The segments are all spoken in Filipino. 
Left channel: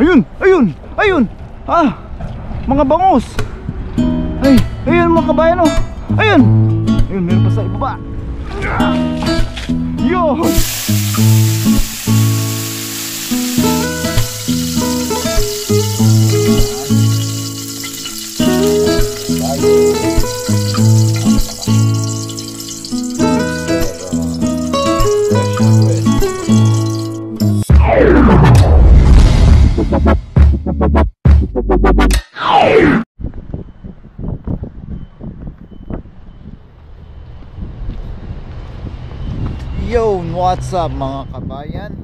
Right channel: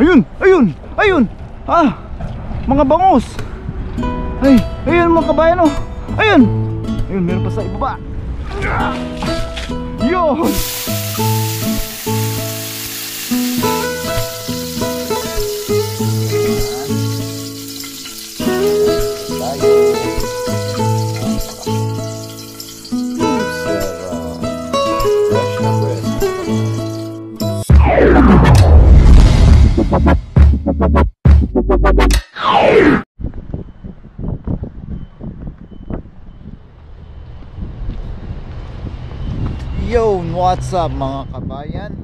Ayun, ayun, ayun. Ah, mga bangus. Ay, ayun mga kabayan oh. Ayun. Ayun, meron pa sa ibaba. Yun. Yo, what's up mga kabayan?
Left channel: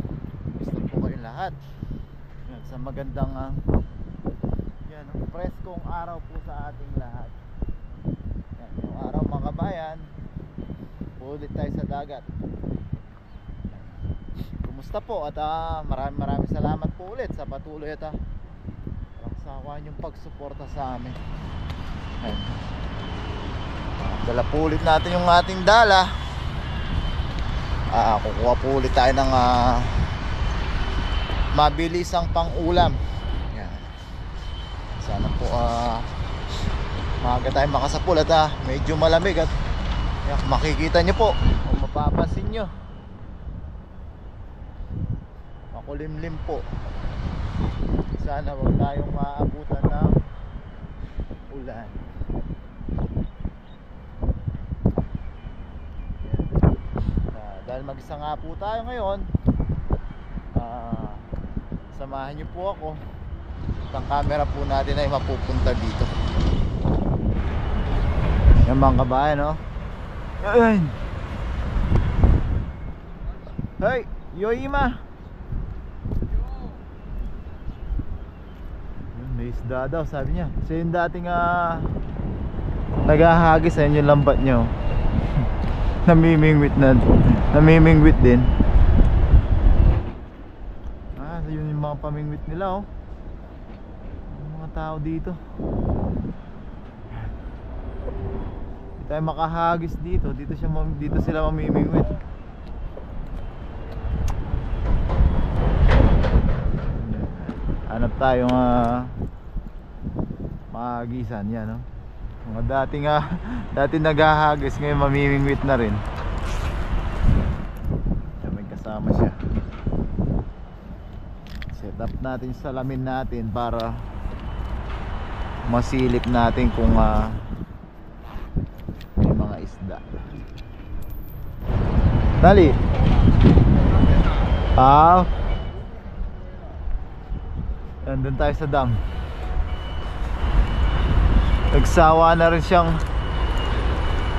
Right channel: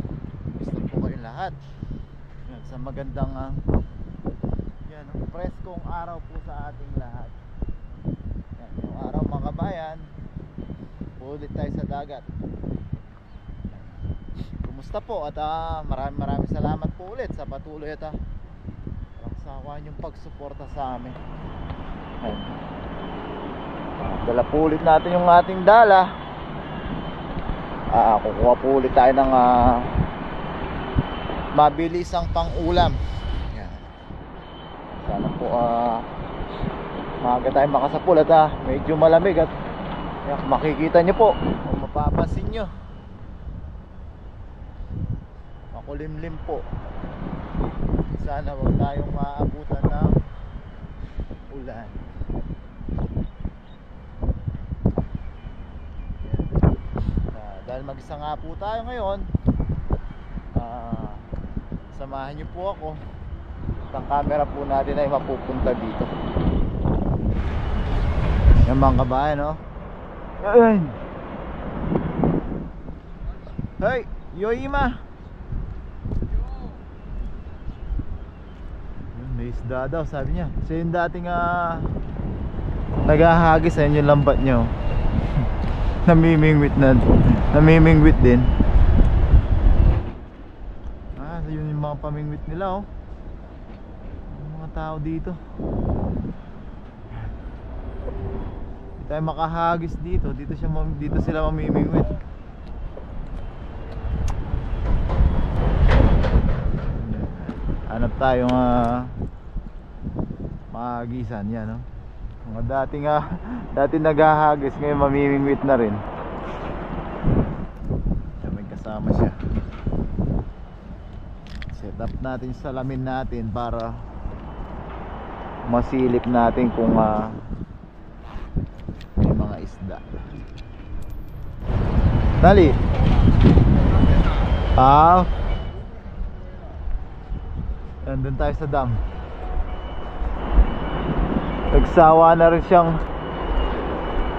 Gusto po kayo lahat. Yan, sa magandang yan, preskong araw po sa ating lahat. Yan, yung araw mga kabayan, ulit tayo sa dagat. Kumusta po? At maraming salamat po ulit sa patuloy at walang sawa niyong pagsuporta sa amin. Yan. Dala po ulit natin yung ating dala. Kukuha po ulit tayo ng mabilisang pang-ulam. Yan. Sana po maaga tayo makasapul at medyo malamig at yan, makikita nyo po kung mapapansin nyo, makulimlim po. Sana huwag tayong maabutan ng ulan. Dahil mag-isa nga po tayo ngayon, samahan niyo po ako. Ang camera po natin ay mapupunta dito. Yan mga kabayan, no? Ayun. Hey, Yoima. May isda daw, sabi niya. Kasi yung dating naghahagis, ayun yung lambat nyo. Namimingwit din. Yun yung mga pamingwit nila oh. Yung mga tao dito. Hindi tayo makahagis dito. Dito sila mamimingwit. Hanap tayong mahagisan yan oh. Mga dating naghahagis, ngayon mamimingwit na rin. May kasama siya. Set up natin yung salamin natin para masilip natin kung may mga isda. Dali. Nandun tayo sa dam. Nagsawa na rin siyang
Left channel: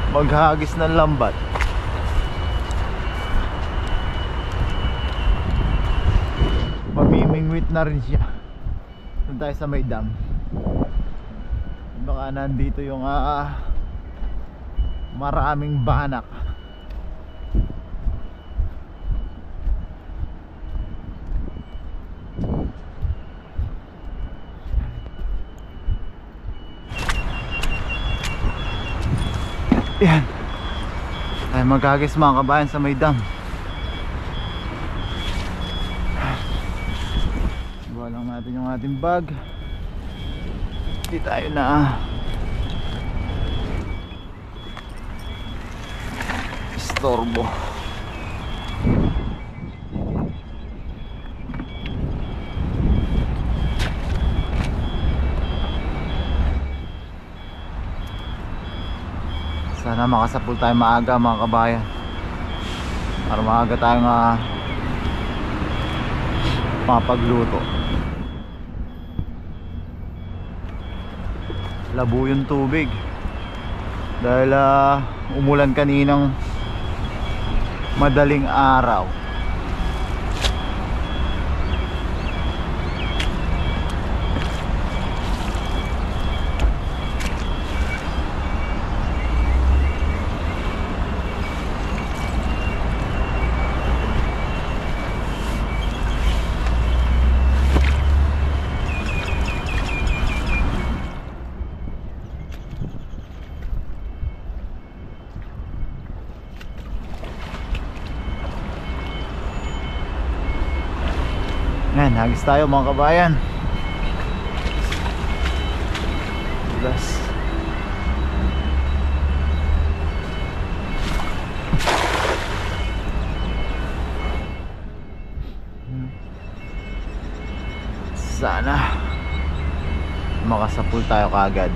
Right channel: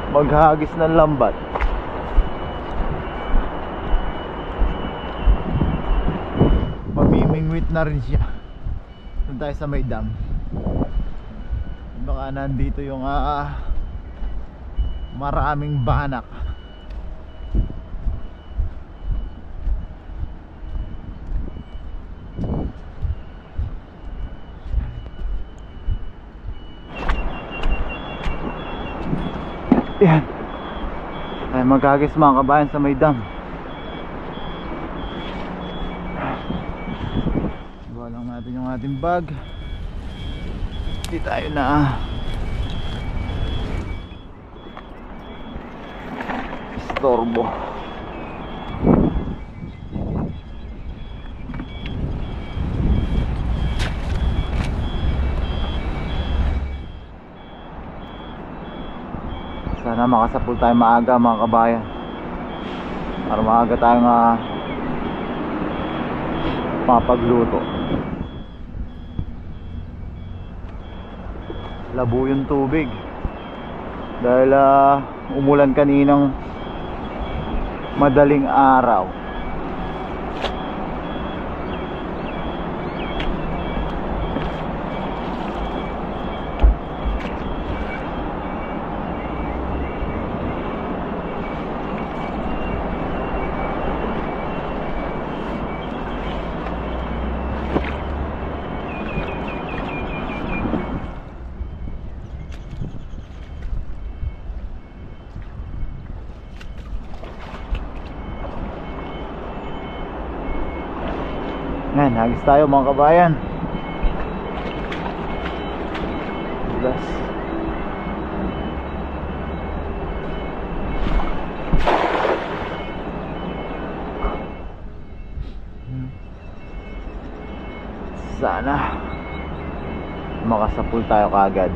maghagis ng lambat. Mamimingwit na rin siya. Doon tayo sa may dam. Baka nandito yung maraming banak. Yan. Tayo maghagis mga kabayan sa may dam. Buha lang natin yung ating bag. Hindi tayo na istorbo. Sana makasapul tayo maaga mga kabayan, para maaga tayong mapagluto. Labo yung tubig dahil umulan kaninang madaling araw. Hagis tayo mga kabayan. Dulas. Sana makasapul tayo kaagad.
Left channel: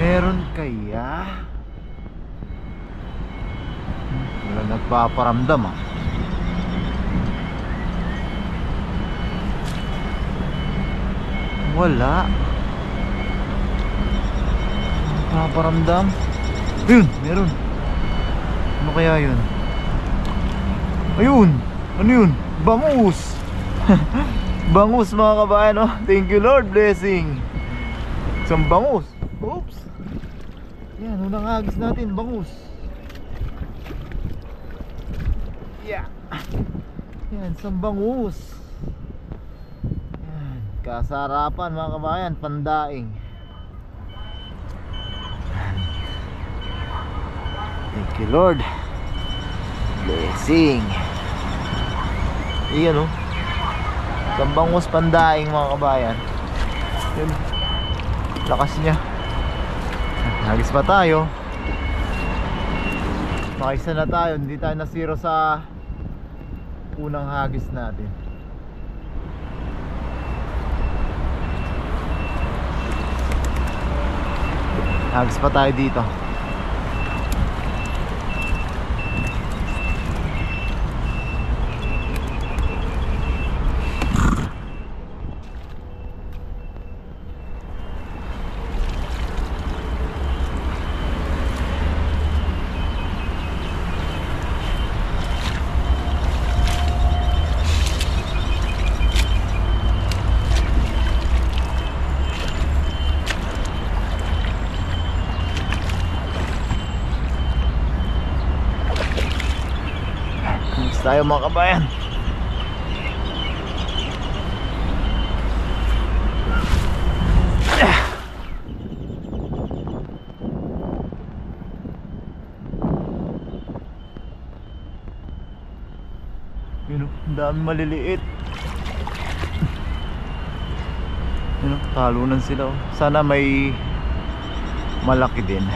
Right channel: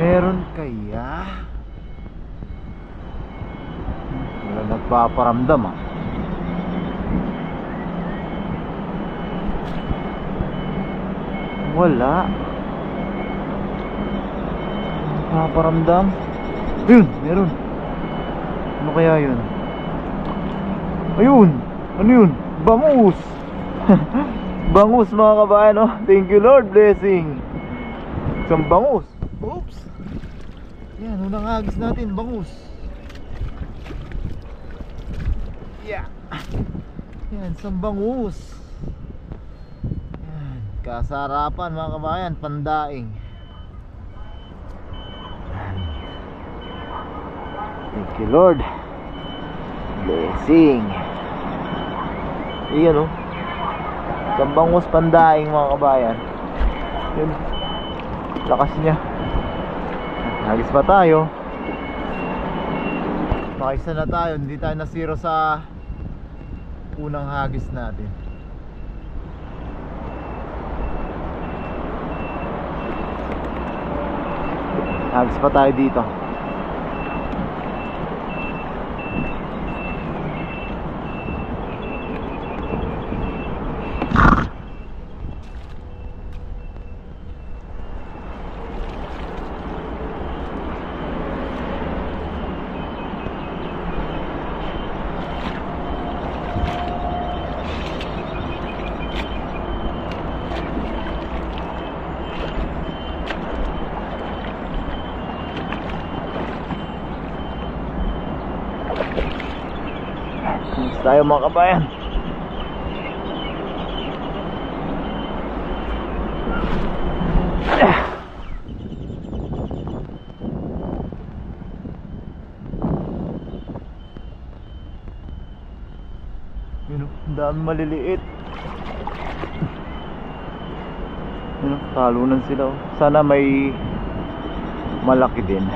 Meron kaya? Wala nagpaparamdam ah. Wala. Nagpaparamdam. Ayun, meron. Ano kaya yun? Ayun, ano yun? Bangus. Bangus mga kabayan, oh. Thank you Lord, blessing. Isang bangus. Oops. Yan, unang hagis natin, bangus. Yeah. Yan, isang bangus. Yan, kasarapan mga kabayan, pandaing. Thank you Lord, blessing. Iyan oh, isang bangus pandaing mga kabayan. Yun, lakas niya. Hagis pa tayo. Makaisa na tayo, hindi tayo na zero sa unang hagis natin. Hagis pa tayo dito. Tayo mga kabayan. Yun o, dami maliliit. Yun o, talunan sila o. Sana may malaki din.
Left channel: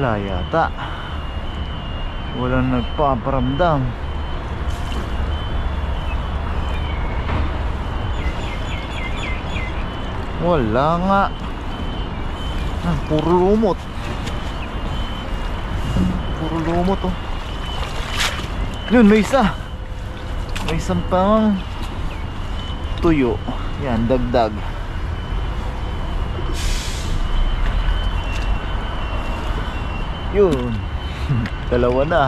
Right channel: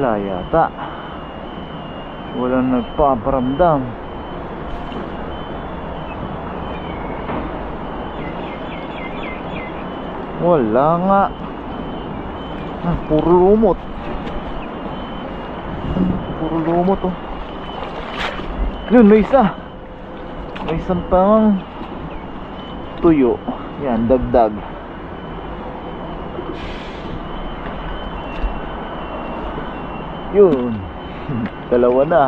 Wala yata. Walang nagpaparamdam. Wala nga. Puro lumot. Puro lumot oh. Yun, may isa. May isang pang tuyo. Yan, dagdag. Yun. Dalawa na.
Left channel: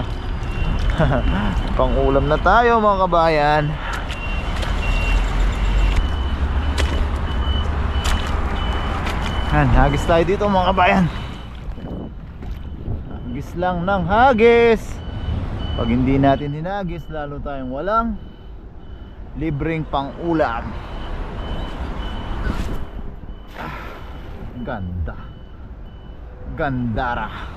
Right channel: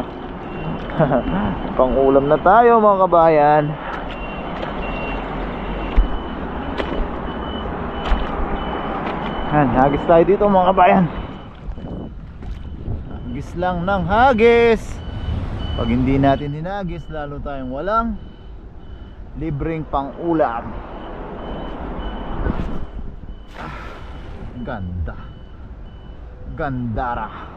Pang ulam na tayo mga kabayan. Hagis tayo dito mga kabayan. Hagis lang ng hagis. Pag hindi natin hinagis, lalo tayong walang libreng pang ulam. Ganda. Gandara.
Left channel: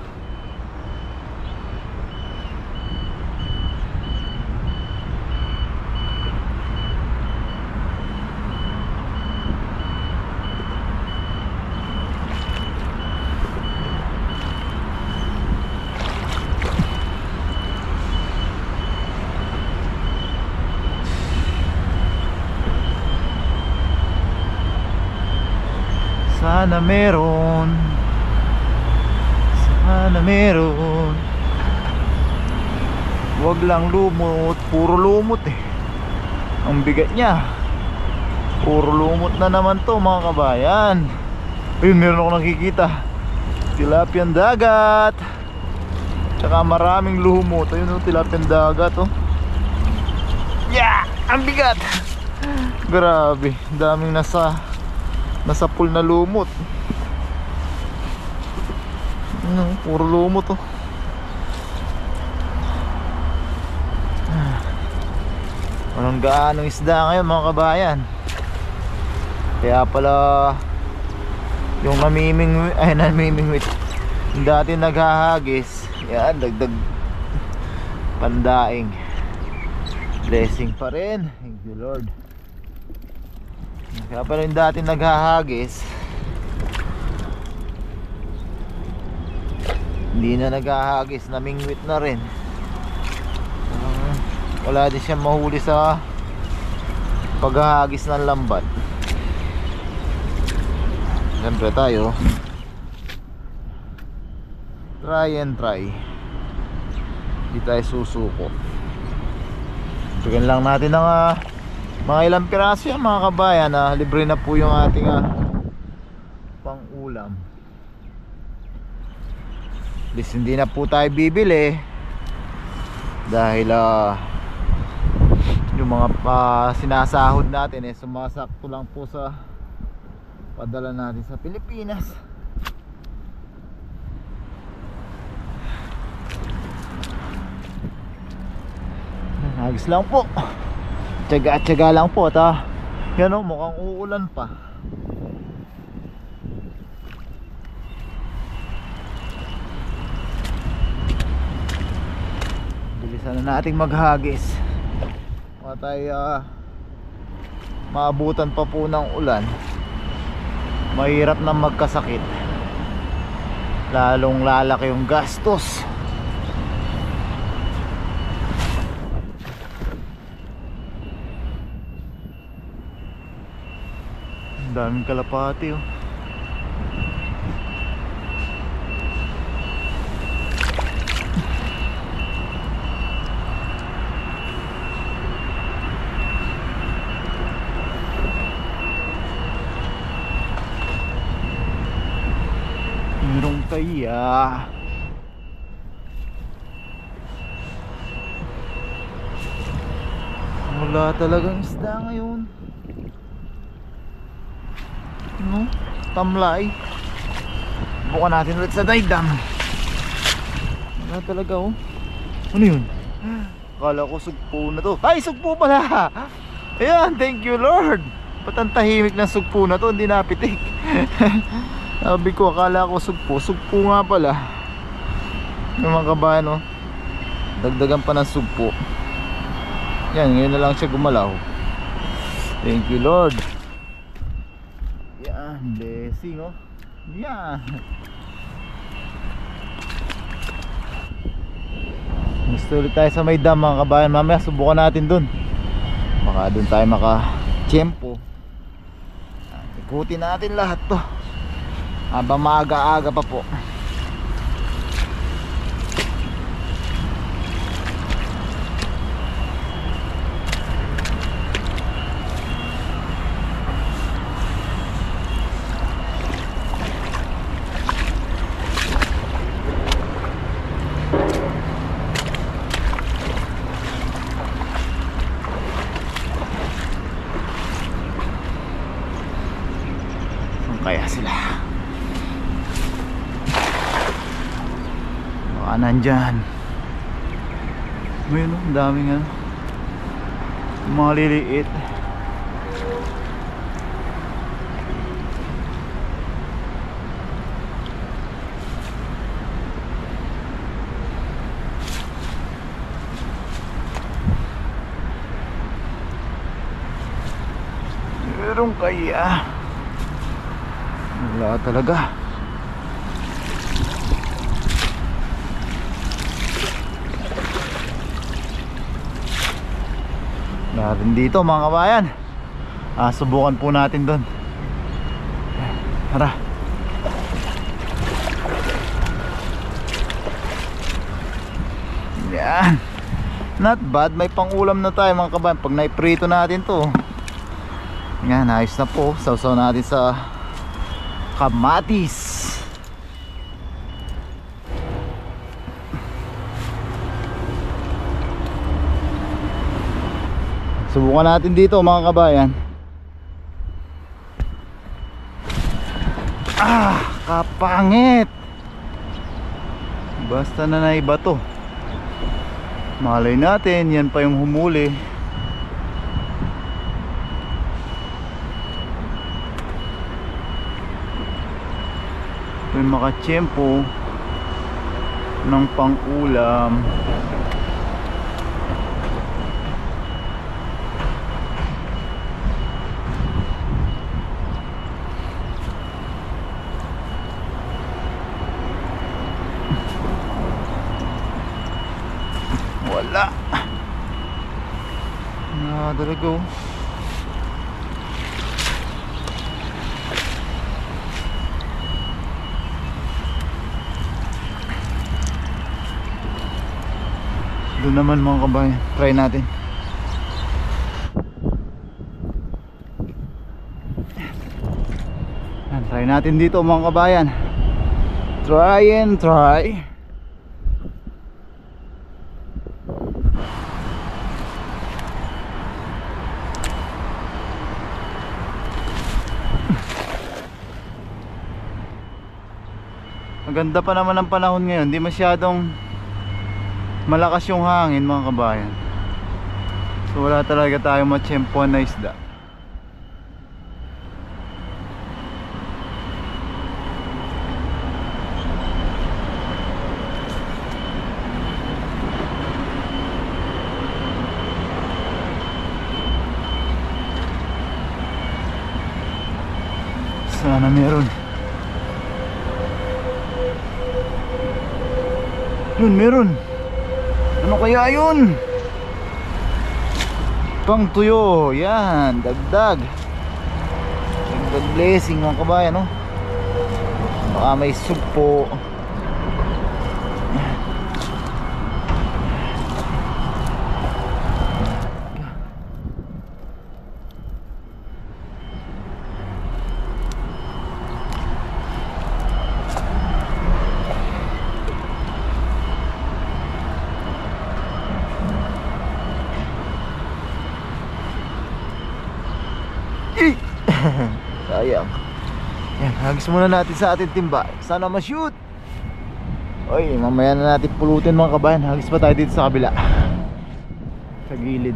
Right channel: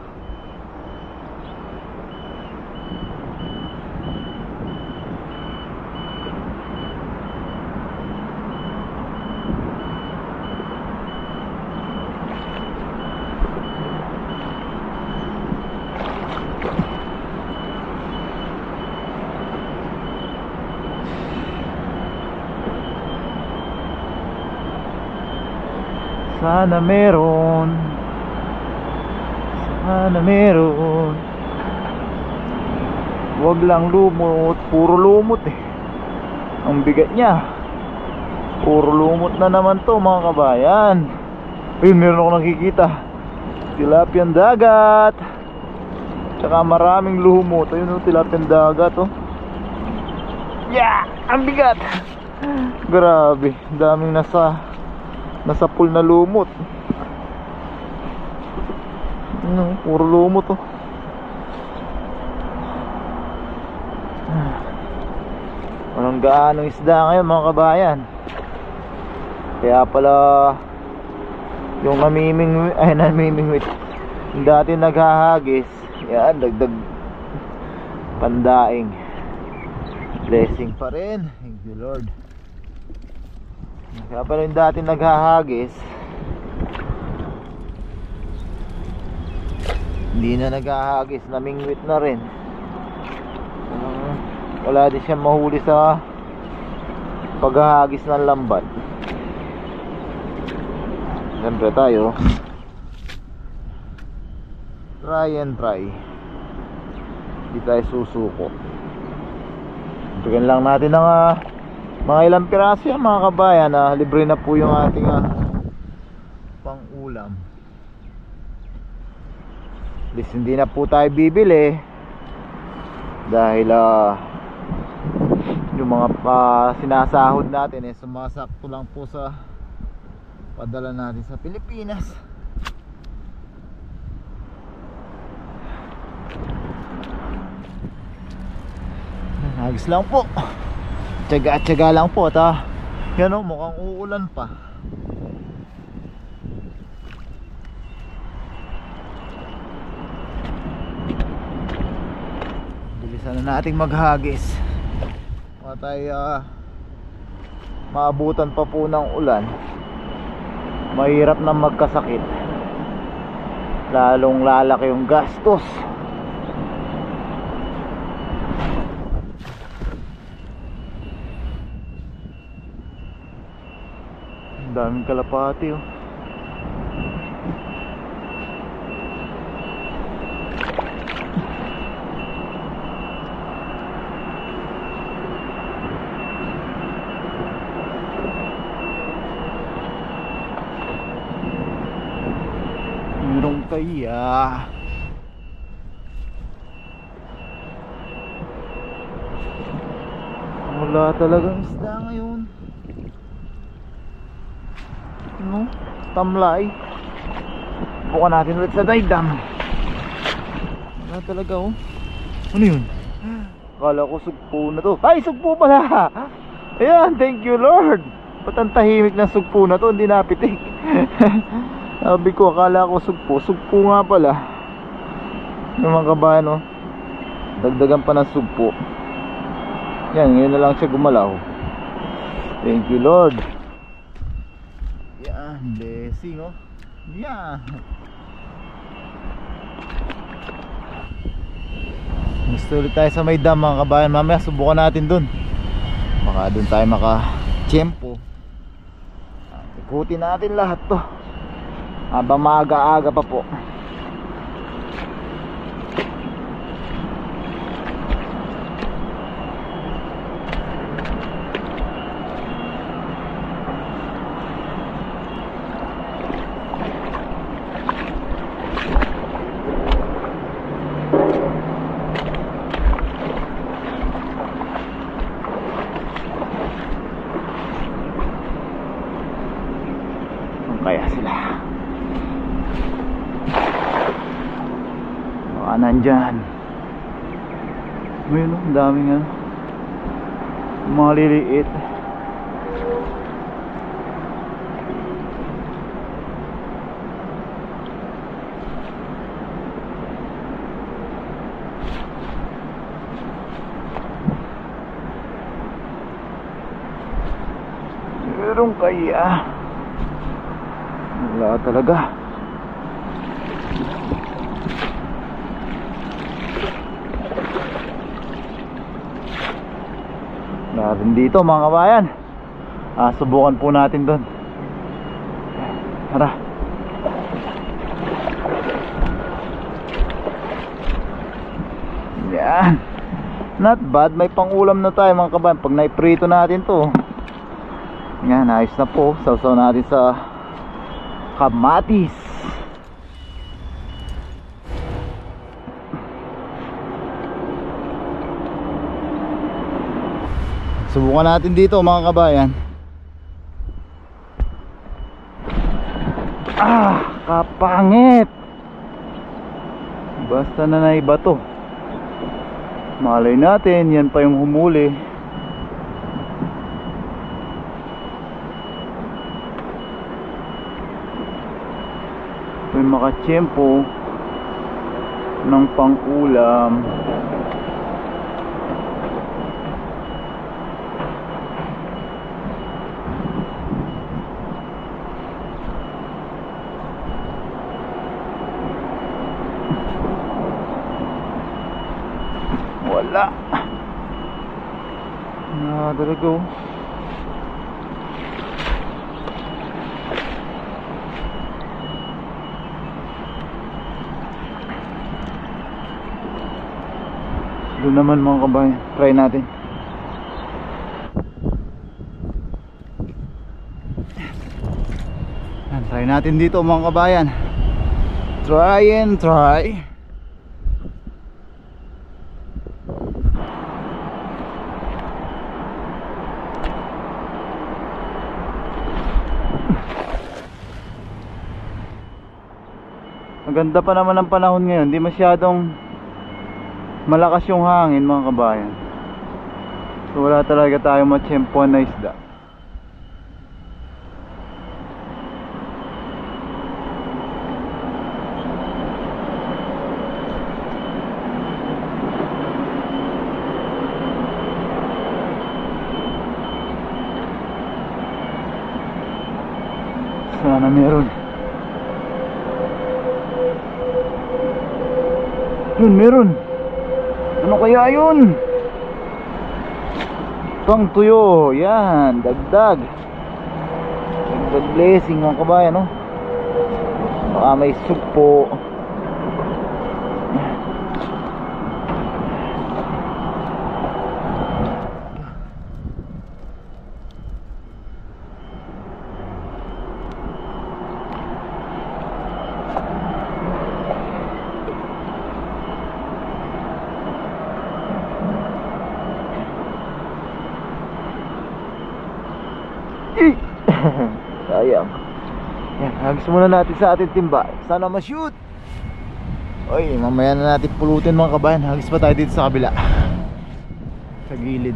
Sana meron. Sana meron. Wag lang lumot. Puro lumot eh. Ang bigat niya. Puro lumot na naman to mga kabayan. Ayun, meron ako nakikita. Tilapiang dagat. Tsaka maraming lumot. Ayun o, tilapiang dagat oh. Yeah! Ang bigat. Grabe. Daming nasa pool na lumot. Ano, puro lumot to. Walang gaanong isda ngayon mga kabayan. Kaya pala yung namimingwit yung dati naghahagis, yan, dagdag pandaing. Blessing pa rin. Thank you Lord. Kaya pala yung dati naghahagis, hindi na naghahagis, namingwit na rin. Wala din siya mahuli sa paghahagis ng lambat. Siyempre tayo try and try, hindi tayo susuko. Bigyan lang natin ng mga ilang piraso yan mga kabayan. Libre na po yung ating pang ulam. At least hindi na po tayo bibili dahil yung mga sinasahod natin sumasakto lang po sa padala natin sa Pilipinas. Hagis lang po, tiyaga lang po at yan o, mukhang uulan pa. Bilisan na nating maghagis para tayo maabutan pa po ng ulan. Mahirap na magkasakit, lalong lalaki yung gastos. Ang daming kalapati oh. Meron kaya wala talagang isda ngayon, no? Tamlay. Bukan natin ulit sa daydam. Wala talaga oh. Ano yun? Akala ko sugpo na to. Ay, sugpo pala. Ayan, thank you Lord. Ba't ang tahimik ng sugpo na to, hindi napitik. Sabi ko, akala ko sugpo. Sugpo nga pala. Yung mga kabayan oh, dagdagan pa ng sugpo. Yan, ngayon na lang siya gumalaw. Thank you Lord. Yan, blessing oh. Yan. Gusto ulit tayo sa may dam mga kabayan. Mamaya subukan natin dun, baka dun tayo maka-tiyempo. Ikutin natin lahat to habang maaga-aga pa po. Kaya sila baka nandyan. Ayun, ang daming mga liliit. Meron kaya? Wala talaga. Natin dito mga kabayan. Subukan po natin doon. Tara. Yan. Not bad. May pangulam na tayo mga kabayan. Pag naiprito natin to, yan, ayos na po. Sausaw natin sa kamatis. Subukan natin dito mga kabayan. Kapangit. Basta na naiba to, malay natin yan pa yung humuli. May makatsyempo ng pang-ulam. Wala. Nakadalago. Doon naman mga kabayan, try natin. Try natin dito mga kabayan. Try and try. Maganda pa naman ang panahon ngayon, hindi masyadong malakas yung hangin mga kabayan. So wala talaga tayong matsyempoan na isda. Sana meron. Yun, meron. Ano kaya yun? Pang tuyo. Yan, dagdag. Dagdag blessing mga kabayan, no? Baka may sugpo. Sayang. Yan, hagis muna natin sa ating timba. Sana ma-shoot. Oy, mamaya na natin pulutin mga kabayan. Hagis pa tayo dito sa kabila, sa gilid.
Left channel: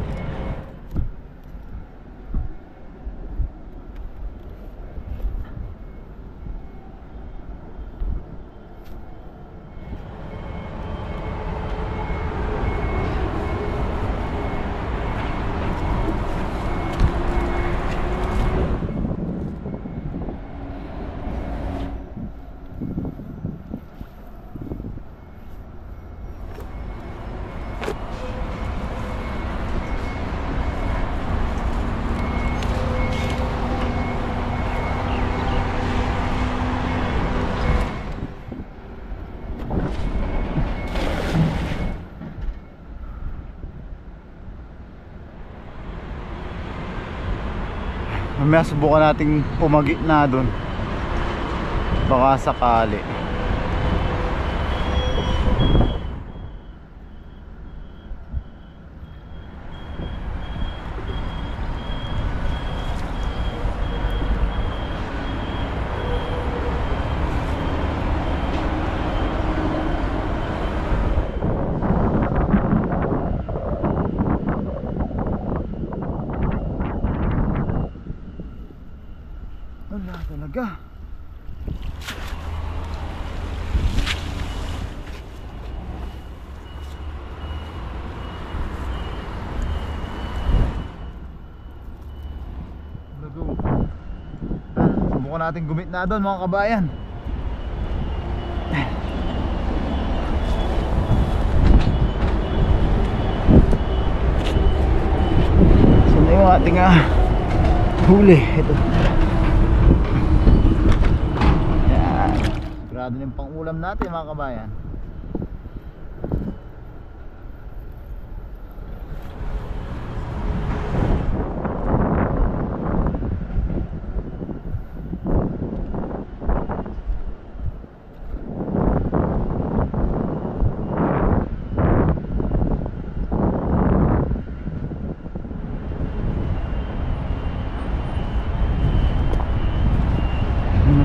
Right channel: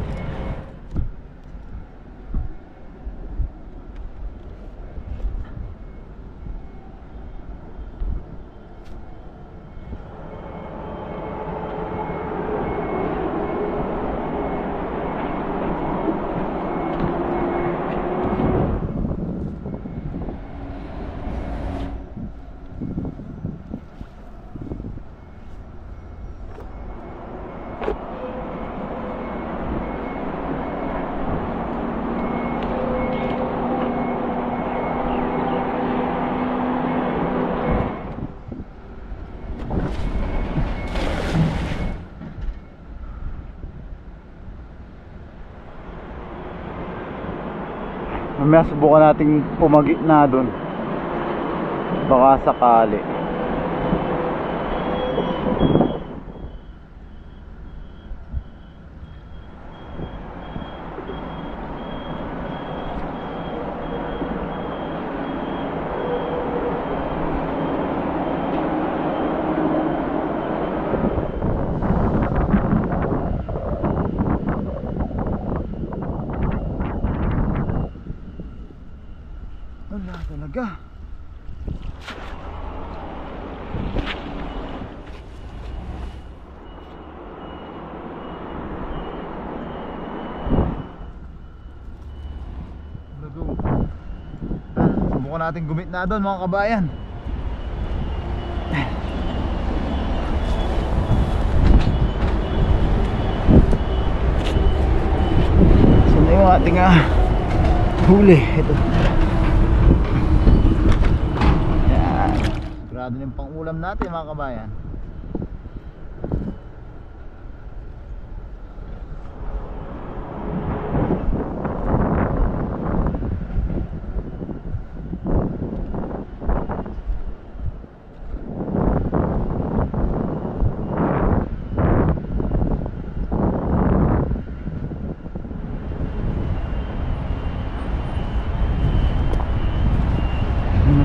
Mamaya subukan nating pumagi na doon, baka sakali. Wala talaga. Subukan natin gumit na doon mga kabayan. So na yung ating huli. Ito. Sigurado na yung pang-ulam natin mga kabayan.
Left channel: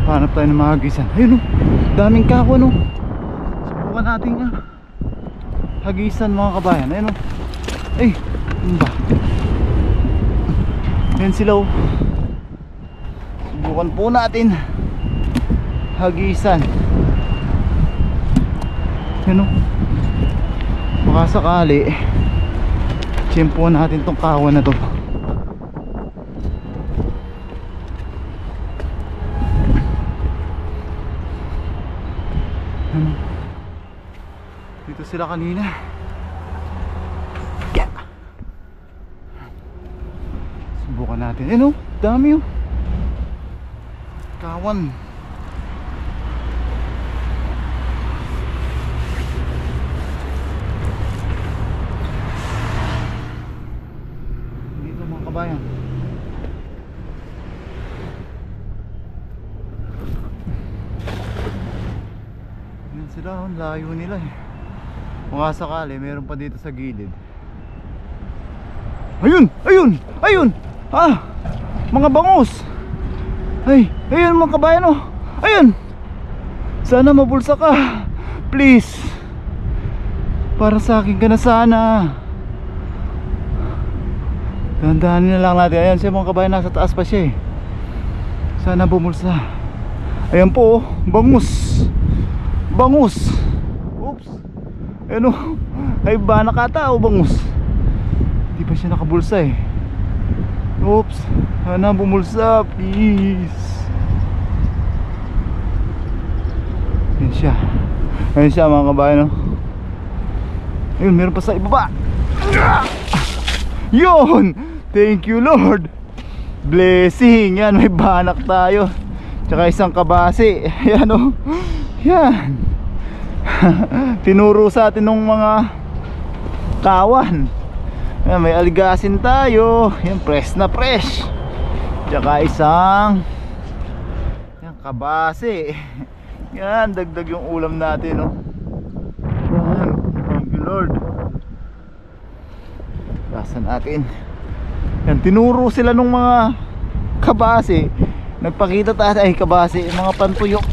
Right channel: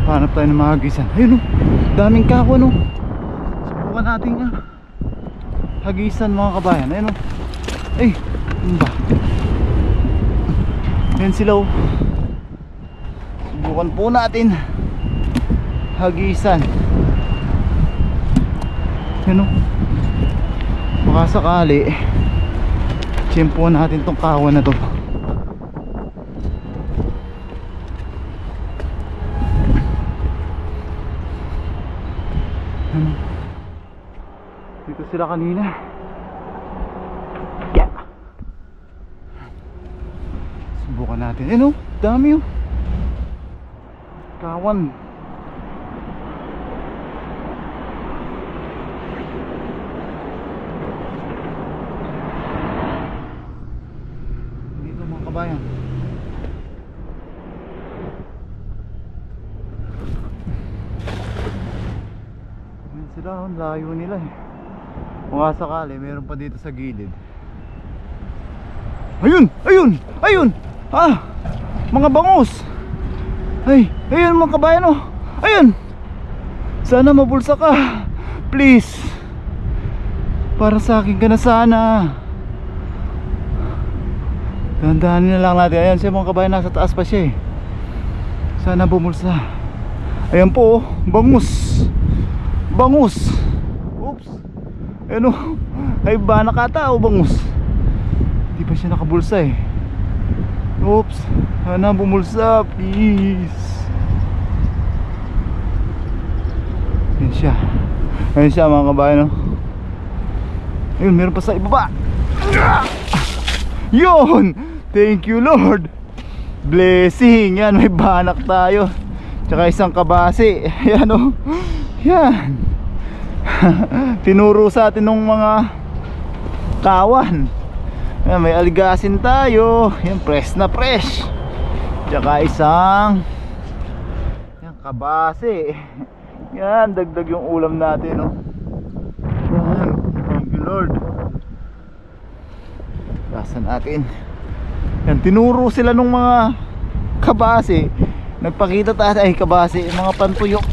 Hanap tayo ng mga hagisan. Ayun o, daming kako no. subukan nating hagisan mga kabayan. Ayun oh. Ay, ano ba? Ayan sila oh. Subukan po natin hagisan. Ayun oh. Baka sakali tiyempo natin tong kawan na to. Dito sila kanina. Yeah. Subukan natin. Eh no, dami oh. Kawan. Dito mga kabayan. Yan sila, ang layo nila eh. Kung sakali, meron pa dito sa gilid. Ayun! Ayun! Ayun! Ah! Mga bangus! Ay! Ayun mga kabayan oh! Ayun! Sana mabulsa ka! Please! Para sa akin ka na sana! Dahan-dahanin na lang natin. Ayan siya mga kabayan, nasa taas pa siya eh. Sana bumulsa. Ayan po oh! Bangus! Bangus! Oops! Ano? Ay ba nakatao bangus? Di pa siya nakabulsa eh. Oops. Sana bumulsa please. Ayan siya. Ayan siya mga kabayan oh. Ayun meron pa sa ibaba. Yun. Thank you Lord. Blessing. Yan may banak tayo. Tsaka isang kabase. Ayan oh. Yan. Tinuro sa atin ng mga kawan. Ayan, may aligasin tayo. Yan, fresh na fresh. Tsaka isang yan, kabase. Yan, dagdag yung ulam natin no? Yan, thank you Lord. Kasan natin. Yan, tinuro sila ng mga kabase. Nagpakita tayo ay kabase, mga pantuyok.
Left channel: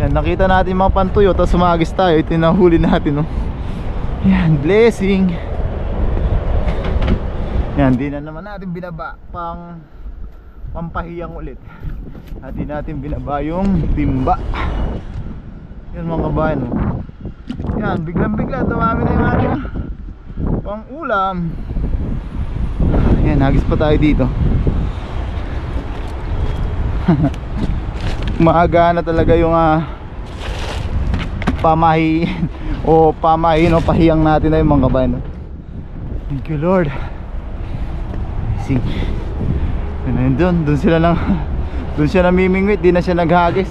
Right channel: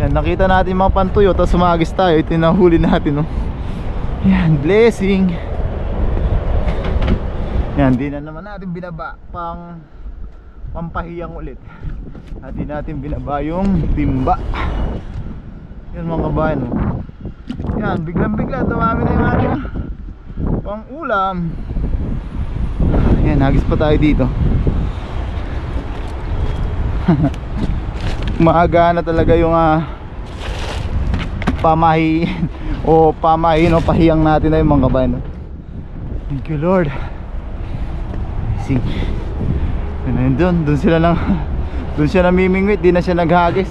Yan, nakita natin mga pantuyo, tapos sumagis tayo. Ito yung nahuli natin no? Yan, blessing. Yan, di na naman natin binaba pampahiyang ulit. At di natin binaba yung timba. Yan mga kabayan no? Yan, biglang bigla dumami na yung ating pang ulam. Yan, hagis pa tayo dito. Maaga na talaga yung pamahi o pamahin o pahiyang natin na yung mga kabayan no? Thank you Lord. Sing. Doon sila lang. Doon siya namimingwit, di na siya naghagis.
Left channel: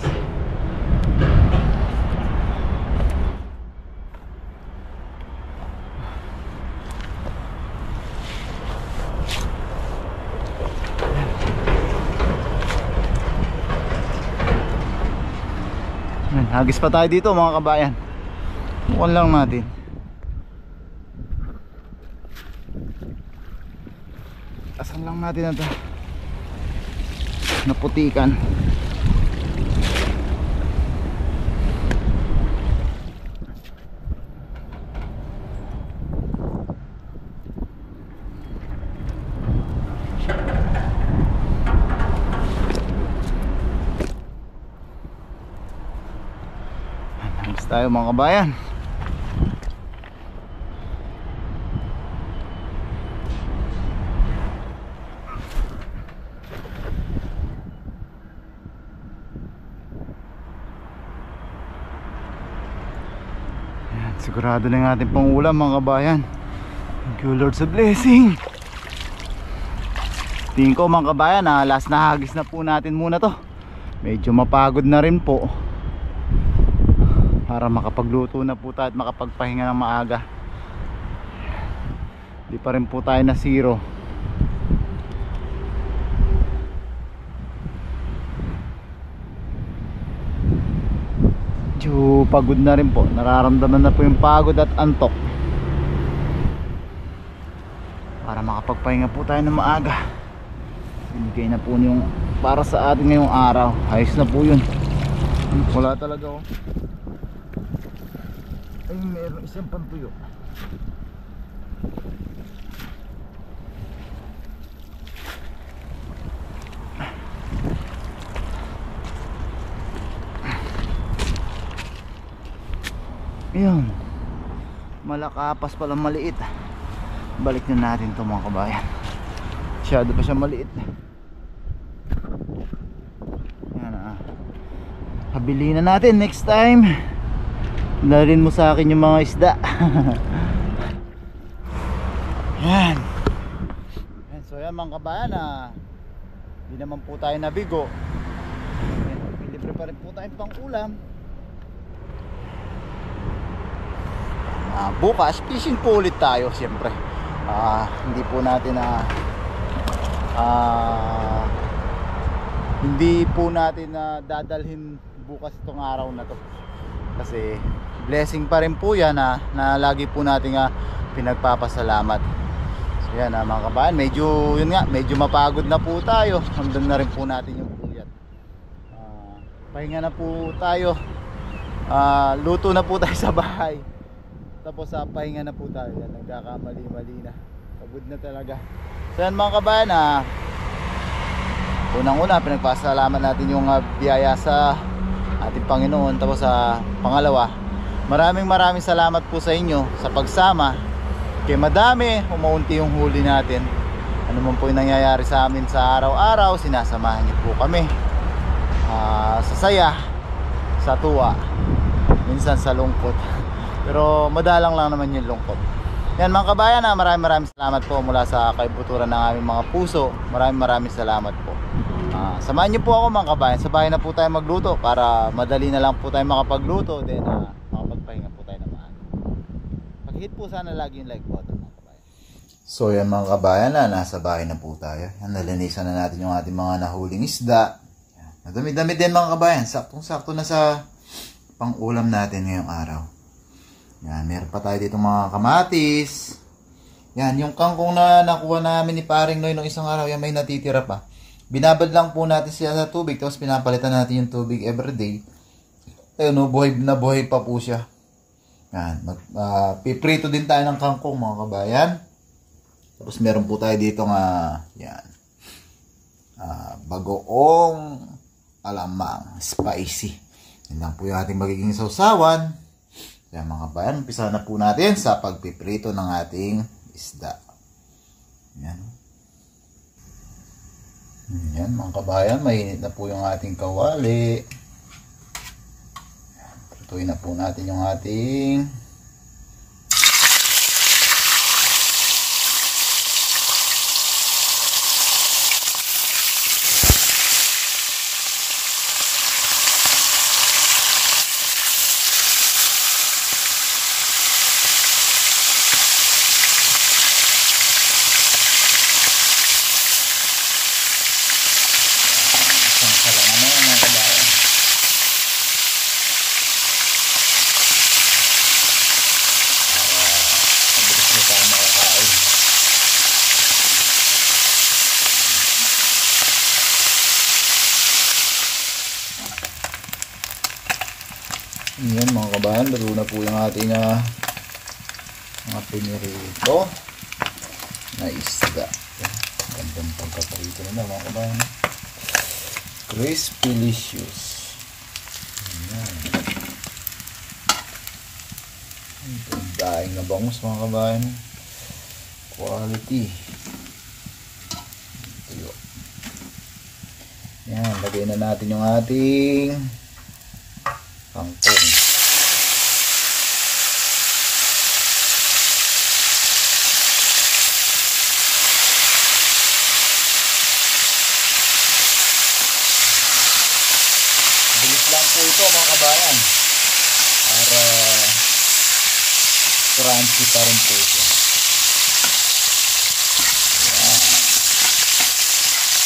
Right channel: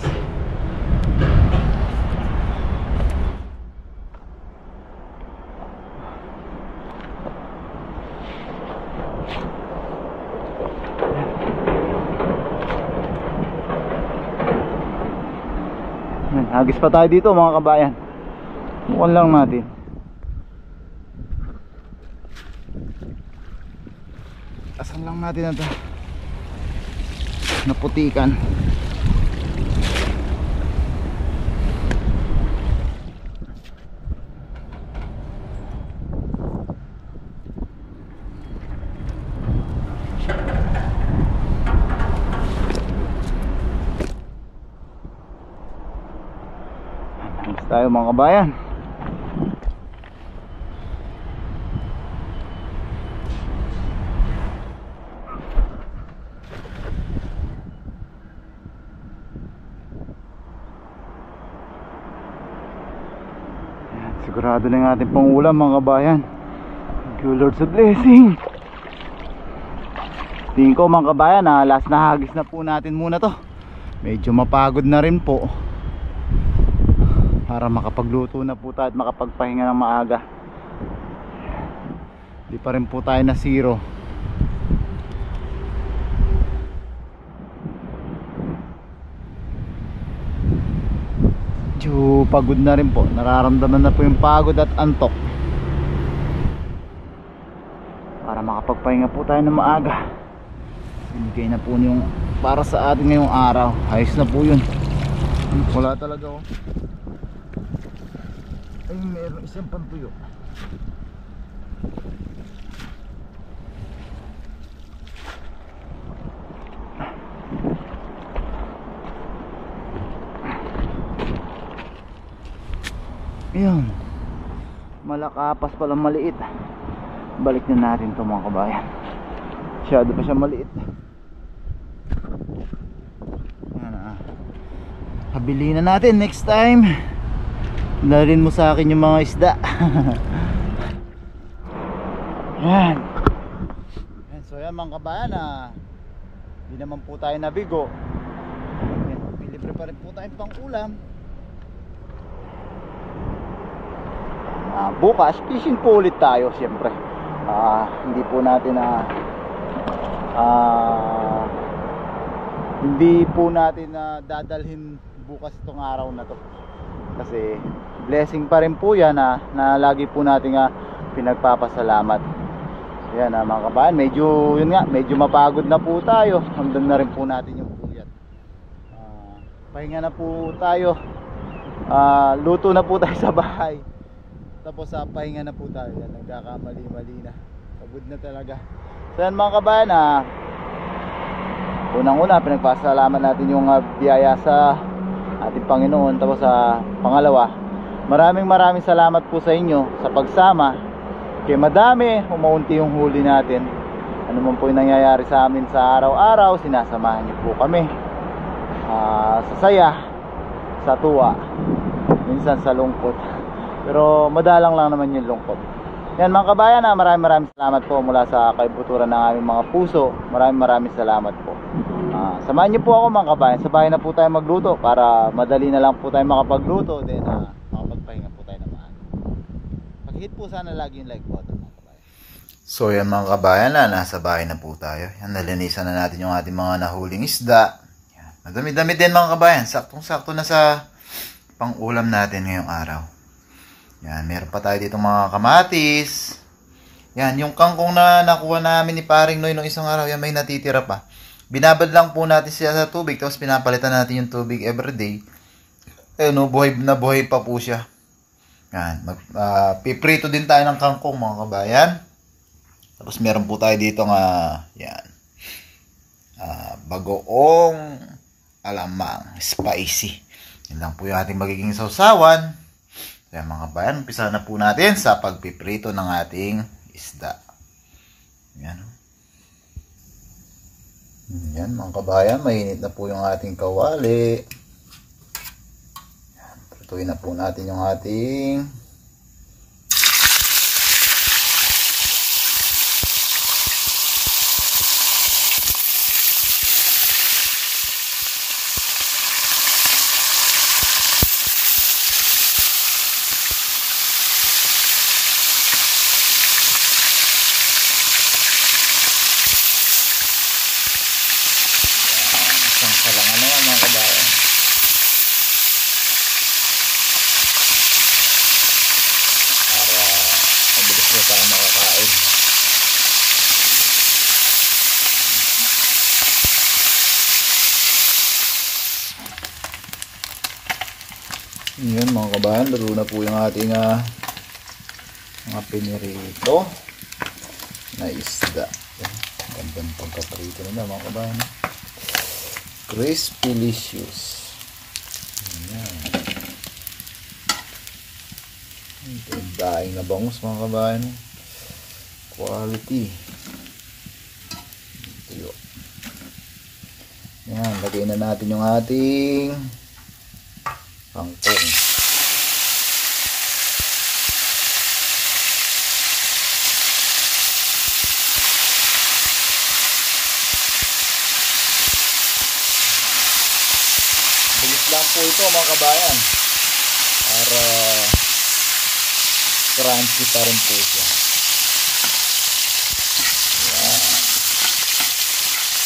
Hagis pa tayo dito mga kabayan. Bukan lang natin. Asan lang natin ito naputikan. Tayo mga kabayan. Ayan, sigurado na yung ating pangulam mga kabayan. Thank you Lord sa blessing. Tingin ko mga kabayan last na hagis na po natin muna to. Medyo mapagod na rin po. Para makapagluto na po tayo at makapagpahinga ng maaga. Di pa rin po tayo na zero. Medyo pagod na rin po. Nararamdaman na po yung pagod at antok. Para makapagpahinga po tayo ng maaga. Binigay na po yung para sa atin ngayong araw. Ayos na po yun. Wala talaga oh. Ay, meron isang pantuyo. Ayun. Malakapas pala maliit. Balik na natin ito mga kabayan. Masyado pa siya maliit. Yan ah. Habili na natin next time. Dalhin mo sa akin yung mga isda. Yan. Yan. So yan mga kabayan hindi naman po tayo nabigo. Libre pa rin po tayong pang ulam. Bukas fishing po ulit tayo siyempre. Hindi po natin hindi po natin dadalhin bukas itong araw na to kasi blessing pa rin po yan na lagi po natin pinagpapasalamat. So yan mga kabayan, medyo mapagod na po tayo. Hanggang na rin po natin yung puyat. Pahinga na po tayo. Luto na po tayo sa bahay. Tapos pahinga na po tayo. Yan, nagkakamali-mali na. Pagod na talaga. So yan mga kabayan, unang-una pinagpasalamat natin yung biyaya sa ating Panginoon. Tapos pangalawa, maraming salamat po sa inyo sa pagsama. Kaya madami, umaunti yung huli natin. Ano man po yung nangyayari sa amin sa araw-araw, sinasamahan niyo po kami. Sa saya, sa tuwa, minsan sa lungkot. Pero madalang lang naman yung lungkot. Yan mga kabayan, maraming salamat po mula sa kaibuturan ng aming mga puso. Maraming salamat po. Samahan niyo po ako mga kabayan. Sa bahay na po tayo magluto para madali na lang po tayo makapagluto. Then makapagpahinga po tayo naman. Pag-hit po sana lagi yung like button mga kabayan. So yan mga kabayan, nasa bahay na po tayo. Yan, nalinisan na natin yung ating mga nahuling isda. Yan, madami-dami din mga kabayan. Saktong-sakto na sa pang-ulam natin ngayong araw. Yan, meron pa tayo dito mga kamatis. Yan, yung kangkong na nakuha namin ni Paring Noy nung isang araw, yan may natitira pa. Binabad lang po natin siya sa tubig, tapos pinapalitan natin yung tubig everyday. Buhay na buhay pa po siya. Yan, piprito din tayo ng kangkong mga kabayan. Tapos meron po tayo dito yan, bagoong alamang, spicy. Yan lang po yung ating magiging sausawan. Kaya mga kabayan, umpisa na po natin sa pagpiprito ng ating isda. Yan. Yan mga kabayan, mainit na po yung ating kawali. Prituin na po natin yung ating mga kabayan. Para mabilis na tayo makakain. Yan mga kabayan, lalo na po yung ating mga pinirito na isda. Yan, gandang pagkaparito na mga kabayan. Crispylicious. Ayan. Ito yung daing na bangus mga kabayan. Quality. Ito yun. Ayan, lagay na natin yung ating kangkong. Bilis lang po ito mga kabayan para crunchy pa rin po siya. Yan.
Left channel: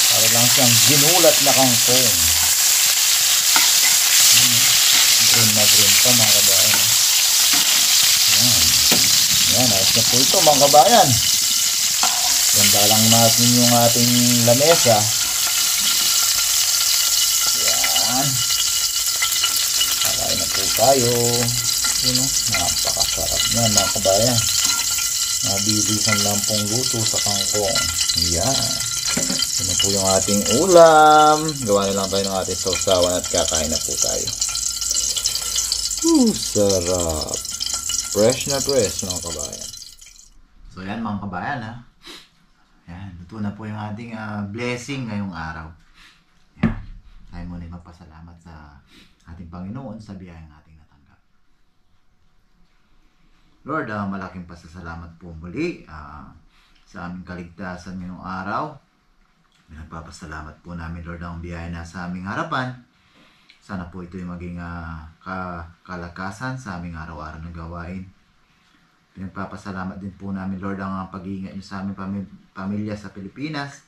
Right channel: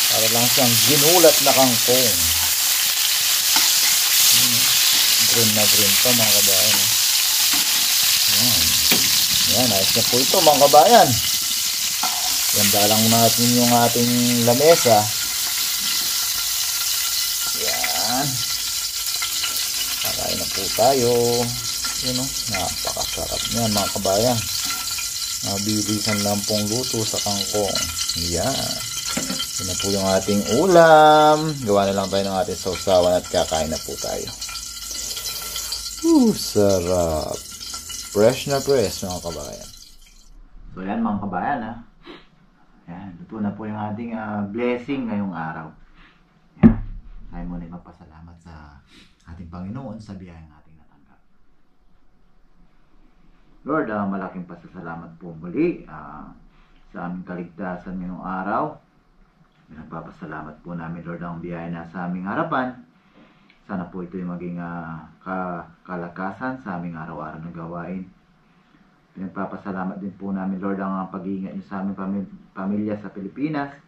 Para lang siyang ginulat na kangkong. Green na green pa mga kabayan. Yan. Yan, ayos na po ito mga kabayan. Ganda lang natin yung ating lamesa. Yan. po tayo. Yun o, napakasarap niyan mga kabayan. Mabilisan lang pong luto sa kangkong. Yan. Yun na po yung ating ulam. Gawa na lang tayo ng ating sausawan at kakain na po tayo. Sarap. Fresh na fresh mga kabayan. So yan mga kabayan ha. Yan, luto na po yung ating blessing ngayong araw. Yan. Tayo muna magpasalamat sa ating Panginoon sa biyayang ating natanggap. Lord, malaking pasasalamat po muli sa aming kaligtasan ngayong araw. Nagpapasalamat po namin, Lord, ang biyaya na sa aming harapan. Sana po ito'y maging kalakasan sa aming araw-araw na gawain. Pinagpapasalamat din po namin, Lord, ang pag-iingat niyo sa aming pamilya sa Pilipinas.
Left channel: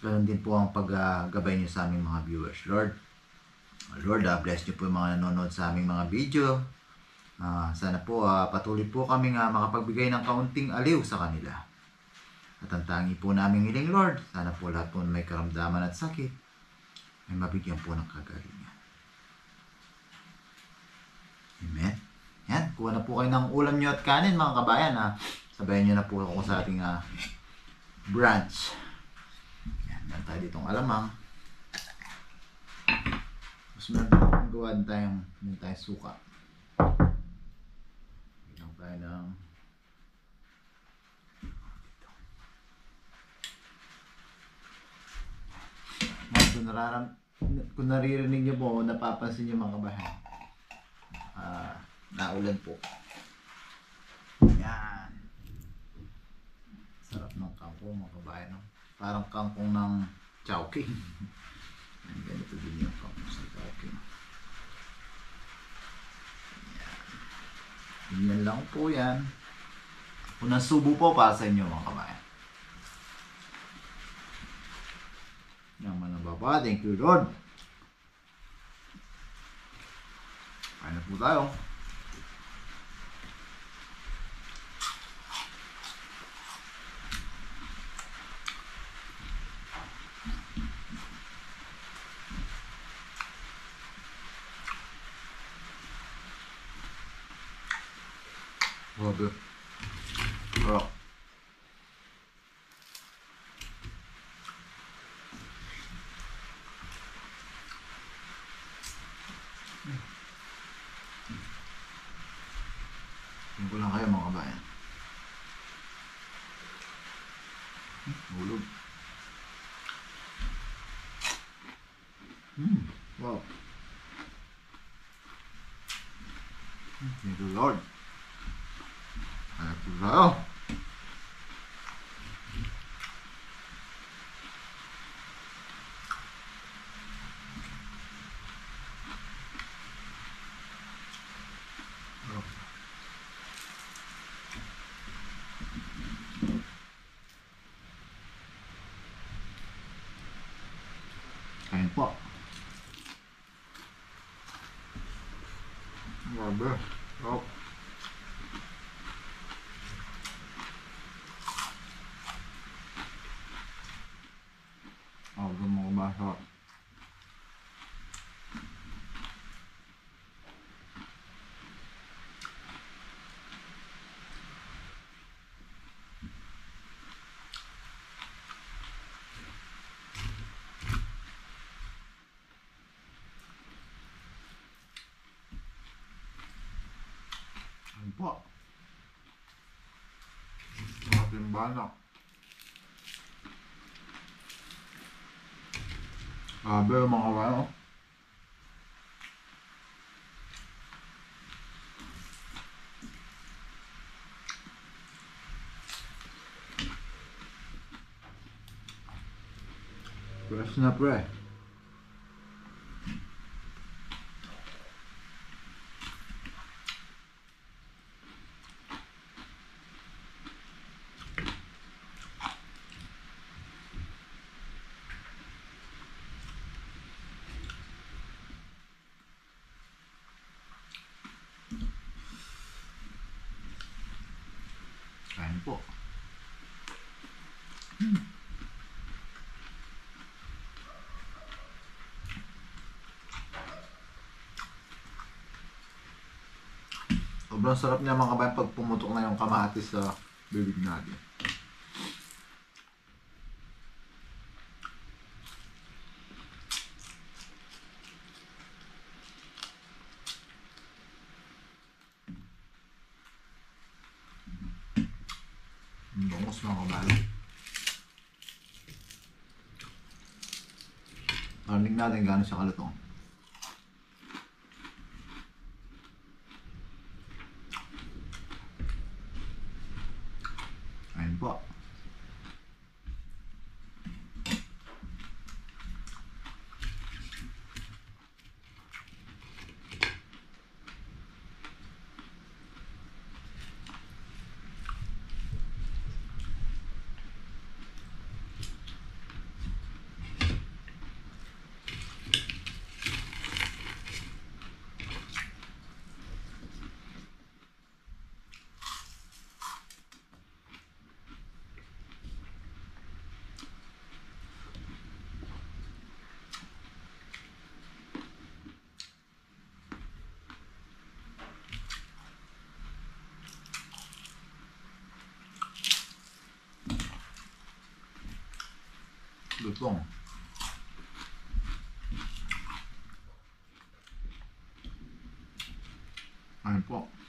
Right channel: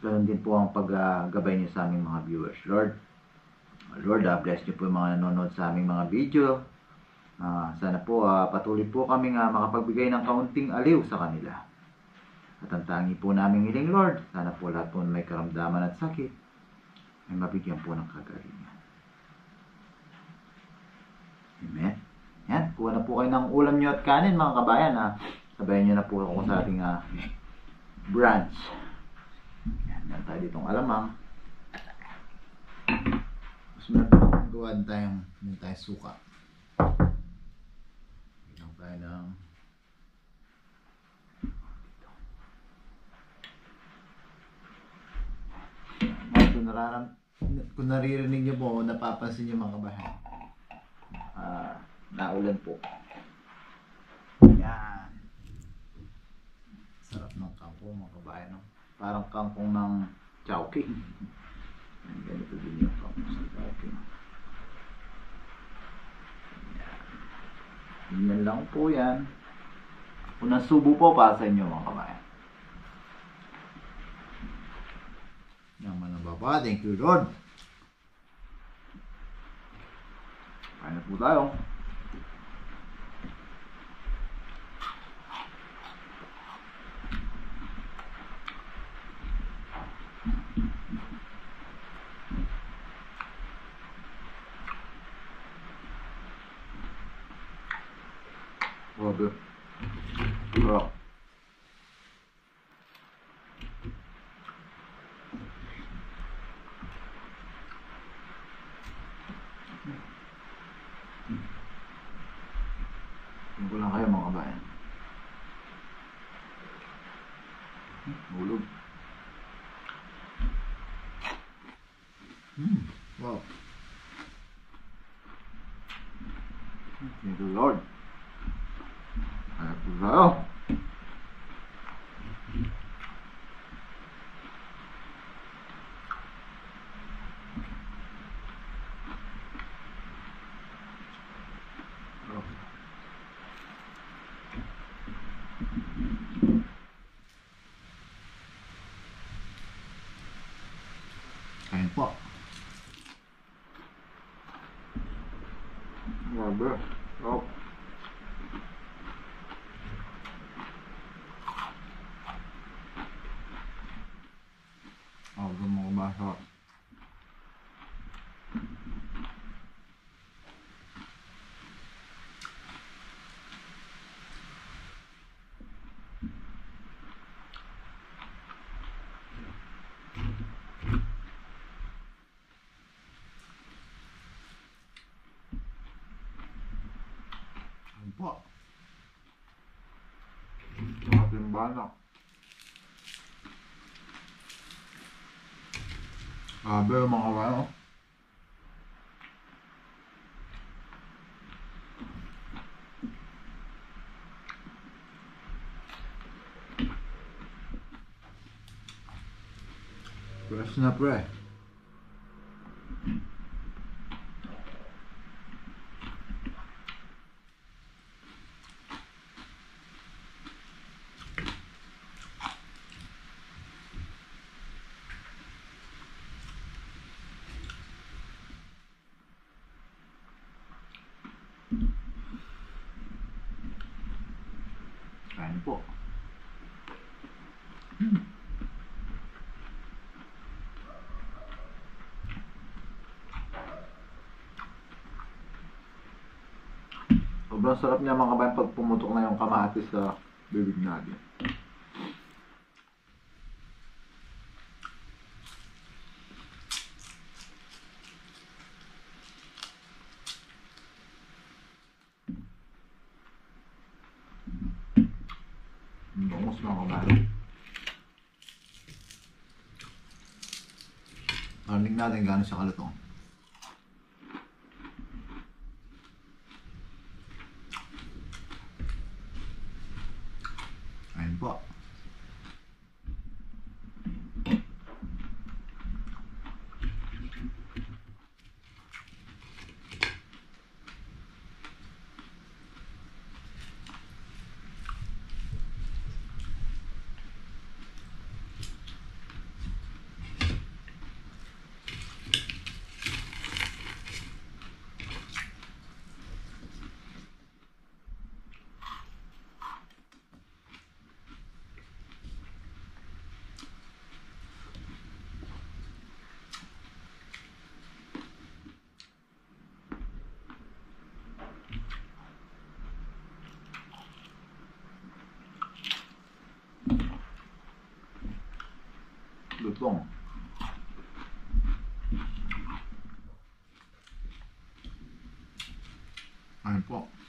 Ganoon din po ang paggabay niyo sa aming mga viewers, Lord. Lord, bless niyo po yung mga nanonood sa aming mga video. Sana po patuloy po kaming makapagbigay ng kaunting aliw sa kanila. At ang tangi po naming hiling, Lord, sana po lahat po may karamdaman at sakit ay mabigyan po ng kagalingan. Amen. Yan, kuha na po kayo ng ulam nyo at kanin mga kabayan. Sabayan nyo na po ako sa ating brunch. Yan, meron tayo ditong alamang. Tapos meron gawa din tayong suka. Bigyan tayo ng kung naririnig nyo po, napapansin nyo mga kabayan, naulan po. Yan. Sarap ng kangkong mga kabayan, no? Parang kangkong ng Chowking. Ganito din yung kangkong sa Chowking. Yan lang po yan. Unang subo po para sa inyo mga kabayan. Yaman na baba. Thank you, Lord. Kain na po tayo. Grabe. Sarap. Tingnan ko lang kayo mga kabayan. Hulog. Wow. Thank you, Lord. Kaya po tayo. Kain po. Grabe. Oh. Mga basa. Kain po. Ating bana. Grabe mga kabayan. Fresh na pre. Kain po. Sobrang sarap niya mga kabayan pag pumutok na yung kamatis sa bibig natin. Bangos mga kabayan. Parinig natin gano'n siya kalutong. Ayun po. Lutong. Ayun po.